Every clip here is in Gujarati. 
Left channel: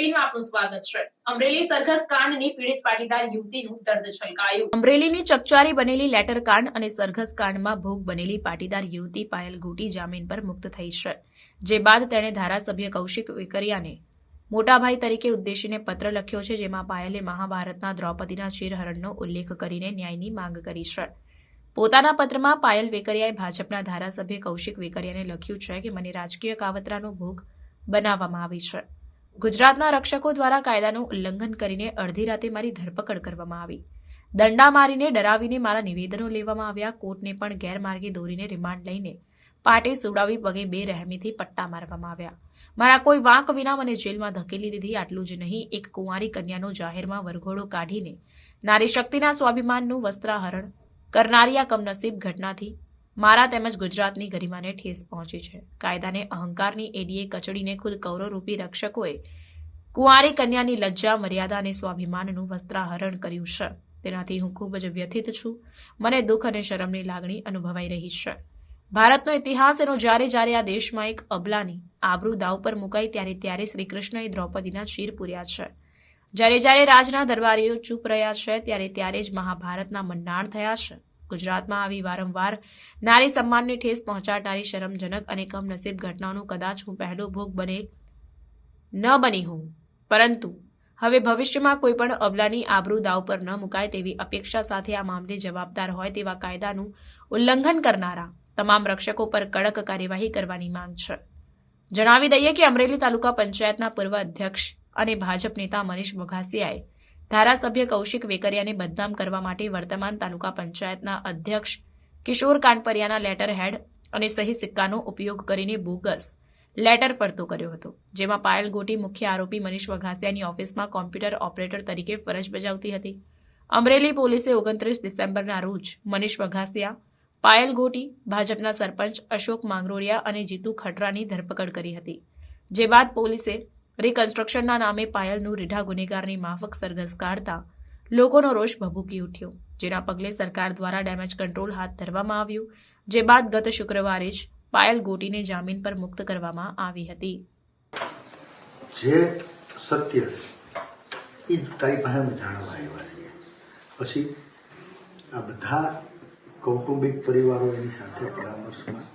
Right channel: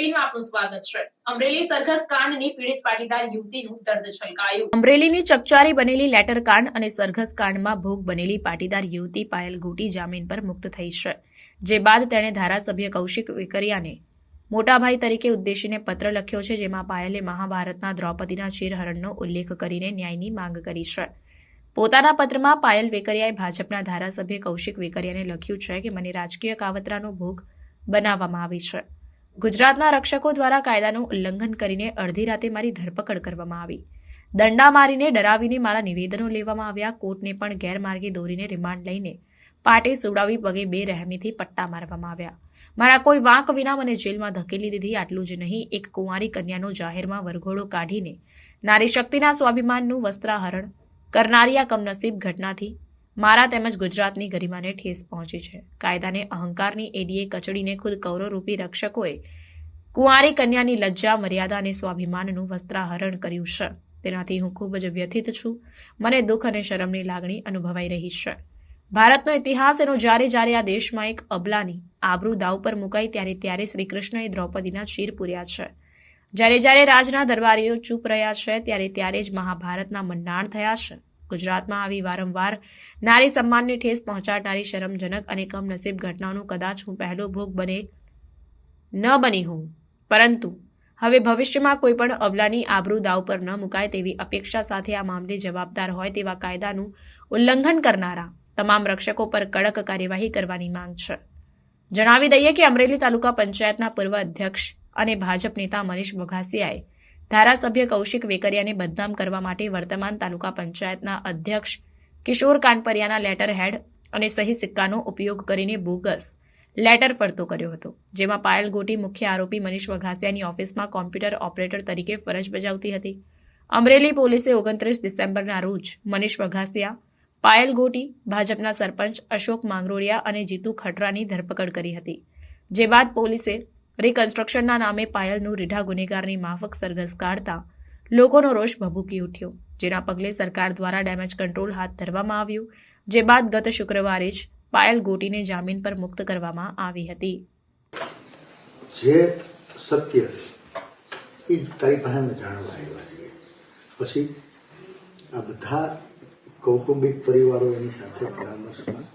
18માં આપનું સ્વાગત છે। અમરેલી સરઘસ કાંડની પીડિત પાટીદાર યુવતીનું દર્દ છલકાયું। અમરેલીની ચકચારી બનેલી લેટર કાંડ અને સરઘસ કાંડમાં ભોગ બનેલી પાટીદાર યુવતી પાયલ ગોટી જામીન પર મુક્ત થઈ છે, જે બાદ તેણે ધારાસભ્ય કૌશિક વેકરિયાને મોટાભાઈ તરીકે ઉદ્દેશીને પત્ર લખ્યો છે, જેમાં પાયલે મહાભારતના દ્રૌપદીના ચીરહરણનો ઉલ્લેખ કરીને ન્યાયની માંગ કરી છે। પોતાના પત્રમાં પાયલ વેકરિયાએ ભાજપના ધારાસભ્ય કૌશિક વેકરિયાને લખ્યું છે કે મને રાજકીય કાવતરાનો ભોગ બનાવવામાં આવી છે। ગુજરાતના રક્ષકો દ્વારા કાયદાનું ઉલ્લંઘન કરીને અડધી રાતે મારી ધરપકડ કરવામાં આવી, દંડા મારીને ડરાવીને મારા નિવેદનો લેવામાં આવ્યા, કોર્ટને પણ ગેરમાર્ગે દોરીને રિમાન્ડ લઈને પાટે સુવડાવી પગે બેરહેમીથી પટ્ટા મારવામાં આવ્યા, મારા કોઈ વાંક વિના મને જેલમાં ધકેલી દીધી। આટલું જ નહીં, એક કુંવારી કન્યાનો જાહેરમાં વરઘોડો કાઢીને નારી શક્તિના સ્વાભિમાનનું વસ્ત્રાહરણ કરનારી આ કમનસીબ ઘટનાથી મારા તેમજ ગુજરાતની ગરિમાને ઠેસ પહોંચી છે। કાયદાને અહંકારની એડીએ કચડીને ખુદ કૌરવરૂપી રક્ષકોએ કુંવારી કન્યાની લજ્જા, મર્યાદા અને સ્વાભિમાનનું વસ્ત્રાહરણ કર્યું છે। તેનાથી હું ખૂબ જ વ્યથિત છું। મને દુઃખ અને શરમની લાગણી અનુભવાઈ રહી છે। ભારતનો ઇતિહાસ એનો જ્યારે આ દેશમાં એક અબલાની આબરૂ દાવ પર મુકાઈ ત્યારે શ્રીકૃષ્ણએ દ્રૌપદીના ચીર પૂર્યા છે। જ્યારે રાજના દરબારીઓ ચૂપ રહ્યા છે ત્યારે જ મહાભારતના મંડાણ થયા છે। ગુજરાતમાં આવી વારંવાર નારી સન્માનને ઠેસ પહોંચાડનારી શરમજનક અને કમનસીબ ઘટનાઓનો કદાચ હું પહેલો ભોગ ન બની હોઉં, પરંતુ હવે ભવિષ્યમાં કોઈ પણ અબલાની આબરૂ દાવ પર ન મુકાય તેવી અપેક્ષા સાથે આ મામલે જવાબદાર હોય તેવા કાયદાનું ઉલ્લંઘન કરનારા તમામ રક્ષકો પર કડક કાર્યવાહી કરવાની માંગ છે। જણાવી દઈએ કે અમરેલી તાલુકા પંચાયતના પૂર્વ અધ્યક્ષ અને ભાજપ નેતા મનીષ વઘાસિયાએ ધારાસભ્ય કૌશિક વેકરિયાને બદનામ કરવા માટે વર્તમાન તાલુકા પંચાયતના અધ્યક્ષ કિશોર કાનપરિયાના લેટર હેડ અને સહી સિક્કાનો ઉપયોગ કરીને બોગસ લેટર ફરતો કર્યો હતો, જેમાં પાયલ ગોટી મુખ્ય આરોપી મનીષ વઘાસિયાની ઓફિસમાં કોમ્પ્યુટર ઓપરેટર તરીકે ફરજ બજાવતી હતી। અમરેલી પોલીસે 29 ડિસેમ્બરના રોજ મનીષ વઘાસિયા, પાયલ ગોટી, ભાજપના સરપંચ અશોક માંગરોળિયા અને જીતુ ખટરાની ધરપકડ કરી હતી, જે બાદ પોલીસે રિકન્સ્ટ્રક્શનના નામે પાયલનું રીઢા ગુનેગારની માફક સરઘસ કાઢતા લોકોનો રોષ ભભૂકી ઉઠ્યો, જેના પગલે સરકાર દ્વારા ડેમેજ કંટ્રોલ હાથ ધરવામાં આવ્યું, જે બાદ ગત શુક્રવારે જ પાયલ ગોટીને જામીન પર મુક્ત કરવામાં આવી હતી। જે સત્ય છે એ તારી પાસે અમે જાણવા આવ્યા છીએ, પછી આ બધા કૌટુંબિક પરિવારો એની સાથે પરામર્શમાં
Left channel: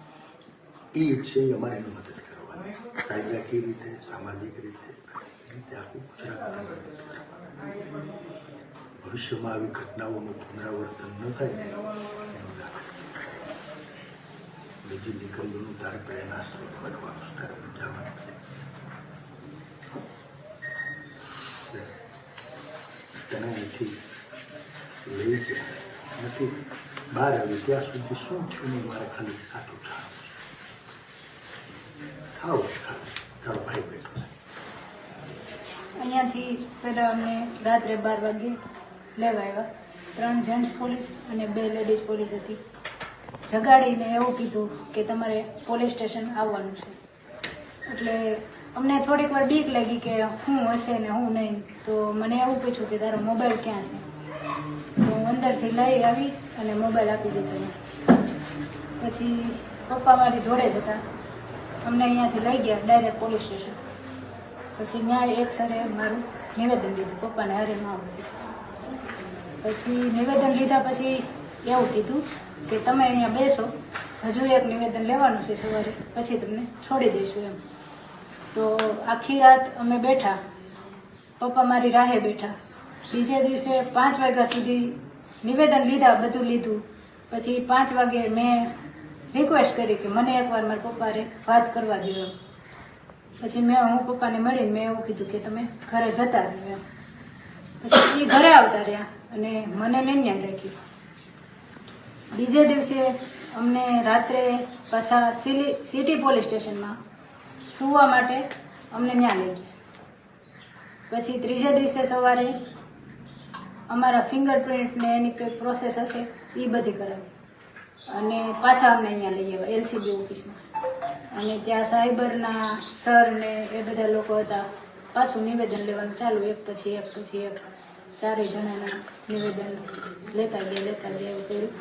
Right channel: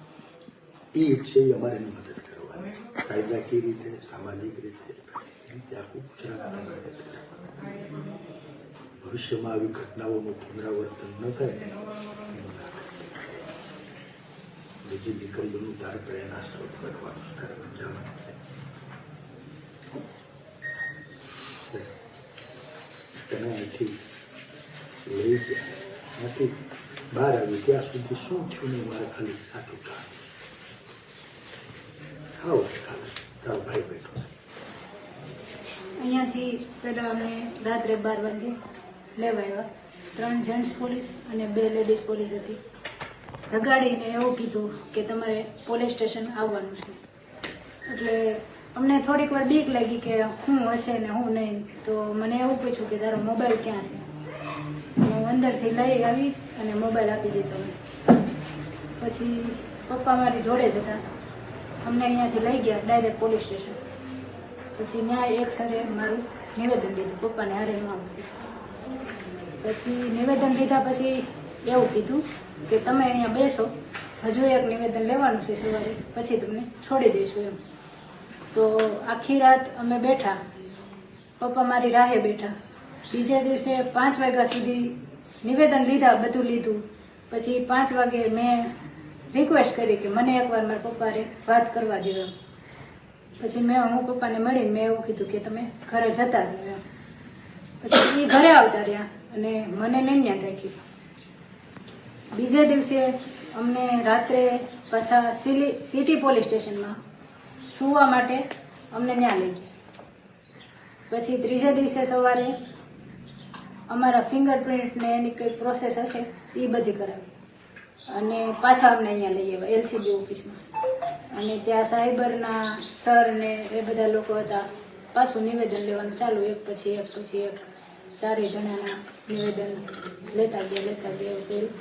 એ ઈચ્છે એ અમારી મદદ કરવાની, કાયદાકીય રીતે, સામાજિક રીતે આખું ગુજરાત ભવિષ્યમાં આવી ઘટનાઓનું પુનરાવર્તન ન થાય બીજી દીકરીઓનું તારે પ્રેરણા સ્ત્રોત બનવાનું, તારે સમજાવવાનું તને અહીંથી લઈ ગયા નથી, બહાર આવી ત્યાં સુધી શું થયું નહીં મારે ખાલી સાચું ખાવું તારો ભાઈ બેઠો અહીંયાથી પહેલાં અમને રાત્રે 12 વાગે લેવા આવ્યા, 3 જેન્ટ્સ પોલીસ અને 2 લેડીઝ પોલીસ હતી। જગાડીને એવું કીધું કે તમારે પોલીસ સ્ટેશન આવવાનું છે, એટલે અમને થોડીક વાર બીક લાગી કે શું હશે ને હું નહીં, તો મને એવું પૂછ્યું કે તારો મોબાઈલ ક્યાં છે, હું અંદરથી લઈ આવી અને મોબાઈલ આપી દીધો। પછી પપ્પા મારી જોડે જ હતા, અમને અહીંયાથી લઈ ગયા ડાયરેક્ટ પોલીસ સ્ટેશન। પછી ન્યાય એક સરે મારું નિવેદન લીધું, પપ્પાને હારે ન આવ્યું। પછી નિવેદન લીધા પછી એવું કીધું કે તમે અહીંયા બેસો, હજુ એક નિવેદન લેવાનું છે સવારે, પછી તમને છોડી દઈશું એમ। તો આખી રાત અમે બેઠા, પપ્પા મારી રાહે બેઠા। બીજા દિવસે 5 વાગ્યા સુધી નિવેદન લીધા, બધું લીધું। પછી 5 વાગે મેં રિક્વેસ્ટ કરી કે મને એકવાર મારા પપ્પાને વાત કરવા દો એમ। પછી હું પપ્પાને મળીને મેં એવું કીધું કે તમે ઘરે જતા રહ્યો એમ। પછી એ ઘરે આવતા રહ્યા અને મને નહીં રાખી। બીજે દિવસે અમને રાત્રે પાછા સિટી પોલીસ સ્ટેશનમાં સુવા માટે અમને ત્યાં લઈ ગયા। પછી ત્રીજા દિવસે સવારે અમારા ફિંગરપ્રિન્ટને એની કંઈક પ્રોસેસ હશે એ બધી કરાવી અને પાછા અમને અહીંયા લઈ આવ્યા LCB ઓફિસમાં, અને ત્યાં સાયબરના સર ને એ બધા લોકો હતા। પાછું નિવેદન લેવાનું ચાલુ, એક પછી એક 4 જણાના નિવેદન લેતા ગયા એવું કર્યું।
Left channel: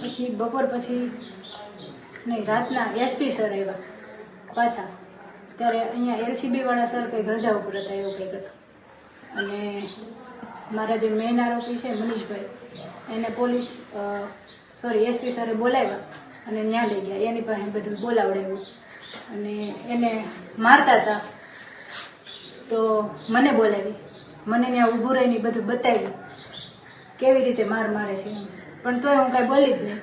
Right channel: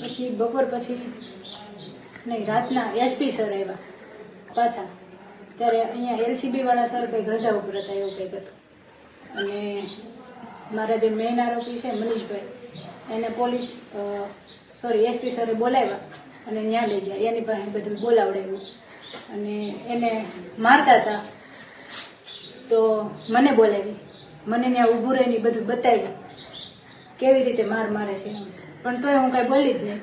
પછી બપોર પછી નહીં, રાતના SP સર આવ્યા પાછા, ત્યારે અહીંયા એલસીબી વાળા સર કંઈક રજા ઉપર હતા એવું કંઈક હતું. અને મારા જે મેઇન આરોપી છે મનીષભાઈ એને પોલીસ એસપી સરે બોલાવ્યા અને ત્યાં લઈ ગયા. એની પાસે બધું બોલાવડાવ્યું અને એને મારતા હતા તો મને બોલાવી, મને ત્યાં ઊભું રહીને બધું બતાવ્યું કેવી રીતે માર મારે છે એમ. પણ તોય હું કાંઈ બોલી જ નહીં.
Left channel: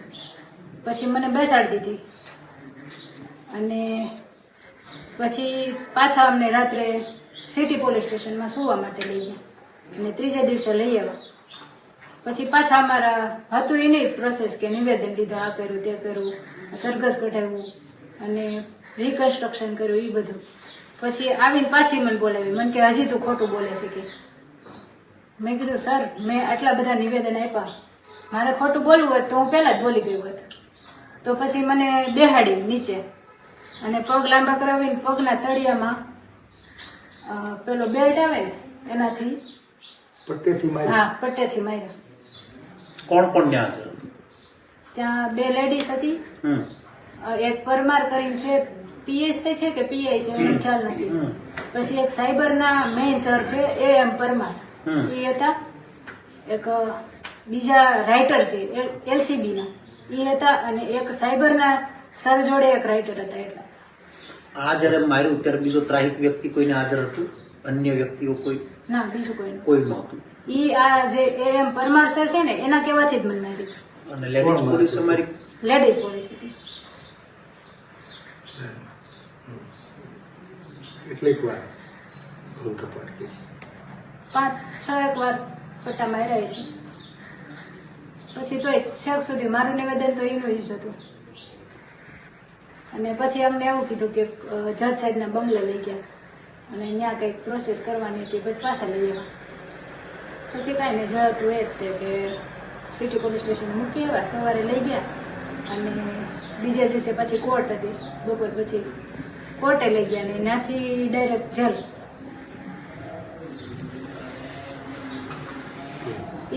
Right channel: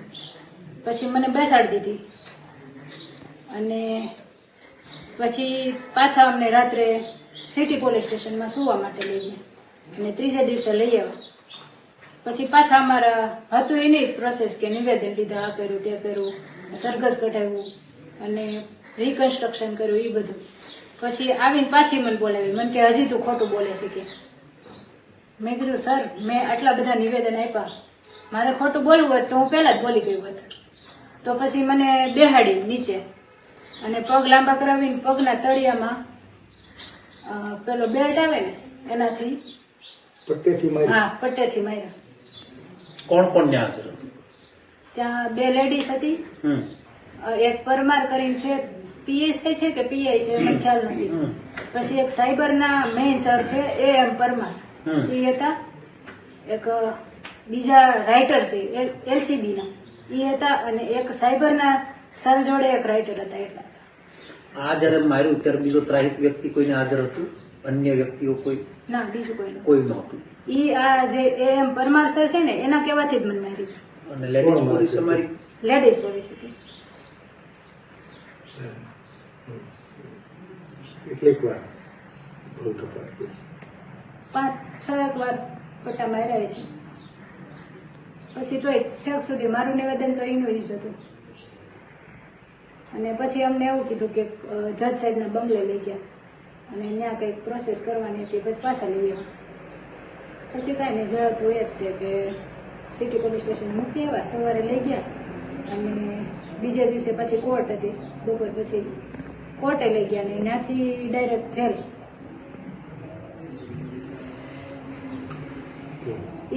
પછી મને બેસાડી દીધી અને પછી પાછા અમને રાત્રે સિટી પોલીસ સ્ટેશનમાં સુવા માટે લઈ ગયા અને ત્રીજે દિવસે લઈ આવ્યા. પછી પાછા અમારા હતું એ નહીં પ્રોસેસ કે નિવેદન લીધા, આ કર્યું તે કર્યું, સરઘસ કઢાવ્યું અને રિકન્સ્ટ્રક્શન કર્યું એ બધું. પછી આવીને પાછી મને બોલાવી, મને કે હજી તું ખોટું બોલે છે કે. મેં કીધું સર મેં આટલા બધા નિવેદન આપ્યા, મારે ખોટું બોલવું હોત તો હું પહેલા જ બોલી ગયું હોત. તો પછી મને બેહાડી નીચે અને પગ લાંબા કરાવીને પગના તળિયામાં પેલો બેલ્ટ આવે ને એનાથી પટ્ટેથી મારી હા પટ્ટેથી માર્યા. કોણ કોણ ત્યાં હાજર હતું? ત્યાં 2 લેડીઝ હતી, એક પરમાર કરીને છે, પીએસ છે કે પીઆઈ છે મને ખ્યાલ નથી. પછી એક સાયબરના મેઇન સર છે એમ પરમાર એ હતા, એક બીજા રાઇટર છે એલસીબી ના એ હતા અને એક સાયબરના સર જોડે એક રાઇટર હતા. એટલા આ જયારે માર્યું ત્યારે બીજો ત્રાહિક વ્યક્તિ કોઈને હાજર હતું? અન્ય વ્યક્તિઓ કોઈ? ના બીજું કોઈ કોઈ નહોતું. ઈ આ જે એમ પરમાર સર છે ને એના કહેવાથી જ મને મારી. અને લેડીઝ પોલીસ અમારી લેડીઝ પોલીસ હતી. કેટલીક વાર ભૂલ કપાટ કરી 5-6 વાર પટ્ટા માર્યા છે. પછી તોય છેક સુધી મારું નિવેદન તો એનું જ હતું. અને પછી અમને એવું કીધું કે જજ સાહેબના બંગલે લઈ ગયા અને ત્યાં કંઈક પ્રોસેસ કરવાની હતી. પછી પાછા લઈ ગયા. પછી કાંઈ નહીં, જજ હતું એ જ તે કે સિટી પોલીસ સ્ટેશન મૂકી આવ્યા, સવારે લઈ ગયા અને બીજે દિવસે પછી કોર્ટ હતી, બપોર પછી કોર્ટે લઈ ગયા ને ત્યાંથી ડાયરેક્ટ જેલ.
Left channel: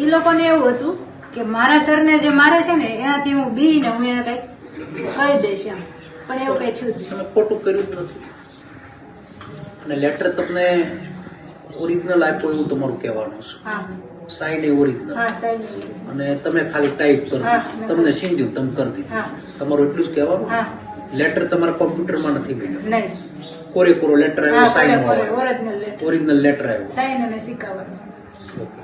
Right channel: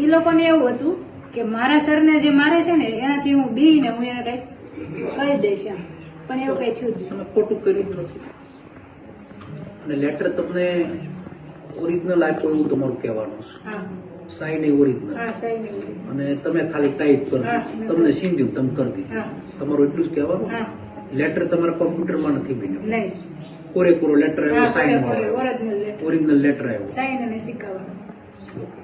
એ લોકોને એવું હતું કે મારા સરને જે મારે છે ને એનાથી હું બીને હું એને કંઈક કહી દઈશ એમ, પણ એવું કંઈ થયું જ નહીં. તમે ખોટું કર્યું જ નથી. અને લેટર તમને ઓરિજિનલ આપ્યો એવું તમારું કહેવાનું છે? હા સાઈન એ ઓરિજિનલ હા સાહેબ. અને તમે ખાલી ટાઈપ કરી હા, દીધું, મેં તમને સીંધ્યું તમે કરી દીધું. હા તમારું એટલું જ કહેવાનું? હા લેટર તમારા કોમ્પ્યુટરમાં નથી બન્યું? નહીં. કોરેકોરો લેટર આવ્યો, હા sign original letter, original letter આવ્યો. સાઇન અને સિક્કાવાળો. ઓકે.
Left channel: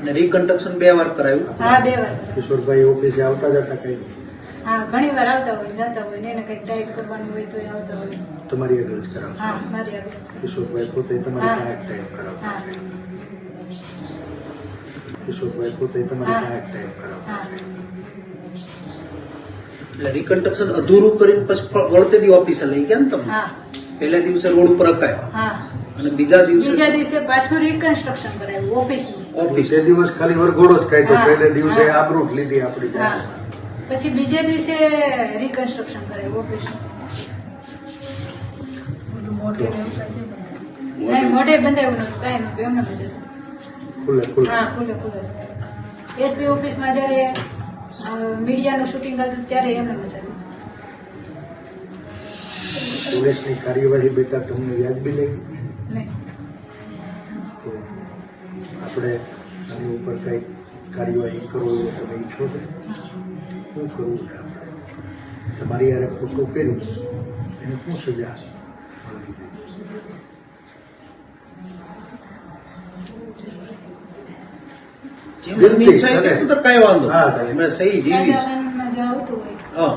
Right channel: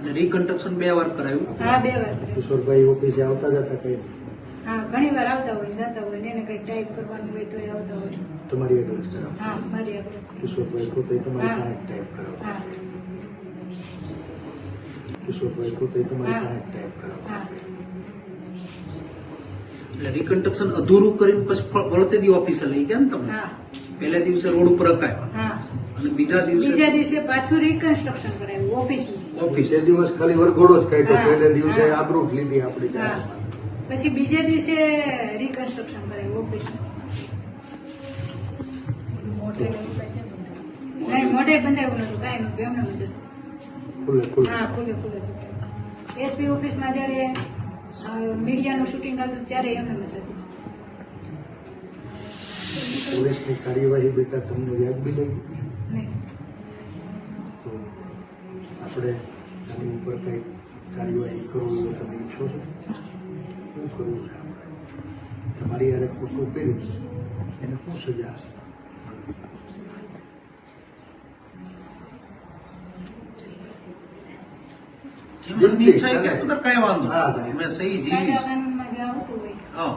અને રિકન્સ્ટ્રક્શન 2 વાર કરાયું? હા 2 વાર. કિશોરભાઈ ઓફિસે આવતા જતા કઈ હા ઘણી વાર આવતા હોય, જતા હોય ને એને કંઈક ટાઈપ કરવાનું હોય તો એ આવતા હોય. તમારી આગળ જ કરાવતા? હા મારી આગળ જ. કિશોરભાઈ પોતે તમારી હા. પાસે ટાઈપ કરાવતા? હા કિશોરભાઈ પોતે તમારી હા. પાસે ટાઈપ કરાવતા? હા એટલે રિકન્સ્ટ્રક્શન અધૂરું કરીને પછી વળતે દી ઓફિસે લઈ ગયા ને તમે? હા પહેલા દિવસે રોડ ઉપર અકાયા હા. અને બીજા બીજા દિવસે દિવસે પાછું રિકન્સ્ટ્રક્શન કરાવ્યું ઓફિસનું. ઓફિસ. તે દિવસ ખાલી વરઘોડો જ કાઢ્યો, હા. પહેલે દિવસે હા. આબરૂ જ લીધી આપણી હા જાહેરમાં. પછી બીજે દિવસે રિકન્સ્ટ્રક્શન કરાવ્યું ઓફિસનું. નહીં મોઢે બંધાયું નતું, કાંઈ નતું, એમને જ હતું. ખુલ્લે ખુલ્લે હા ખુલ્લે ખુલ્લે જ હતું. એસપી ઓફિસમાં જ્યારે મીડિયાનું શૂટિંગ હતું ત્યારે એમને જ હતું. પોલીસની કાર્યવાહી બેટા તમને વ્યાજબી લાગી? નહીં તો આપણે આની ઉપર કઈ કાર્યવાહી કરવો એવો તમે ઈચ્છો છો? શું કરવું છે આપણે? તમારી યારે ખોટું કર્યું એની શું સજા? જેમ એમની ઈચ્છા હોય તેમ તો કાંઈ વાંધો હા, નહીં. કાંઈ. એમણે સહી કાયદા જીવી. કાનૂનમાં જે આવતું હોય હા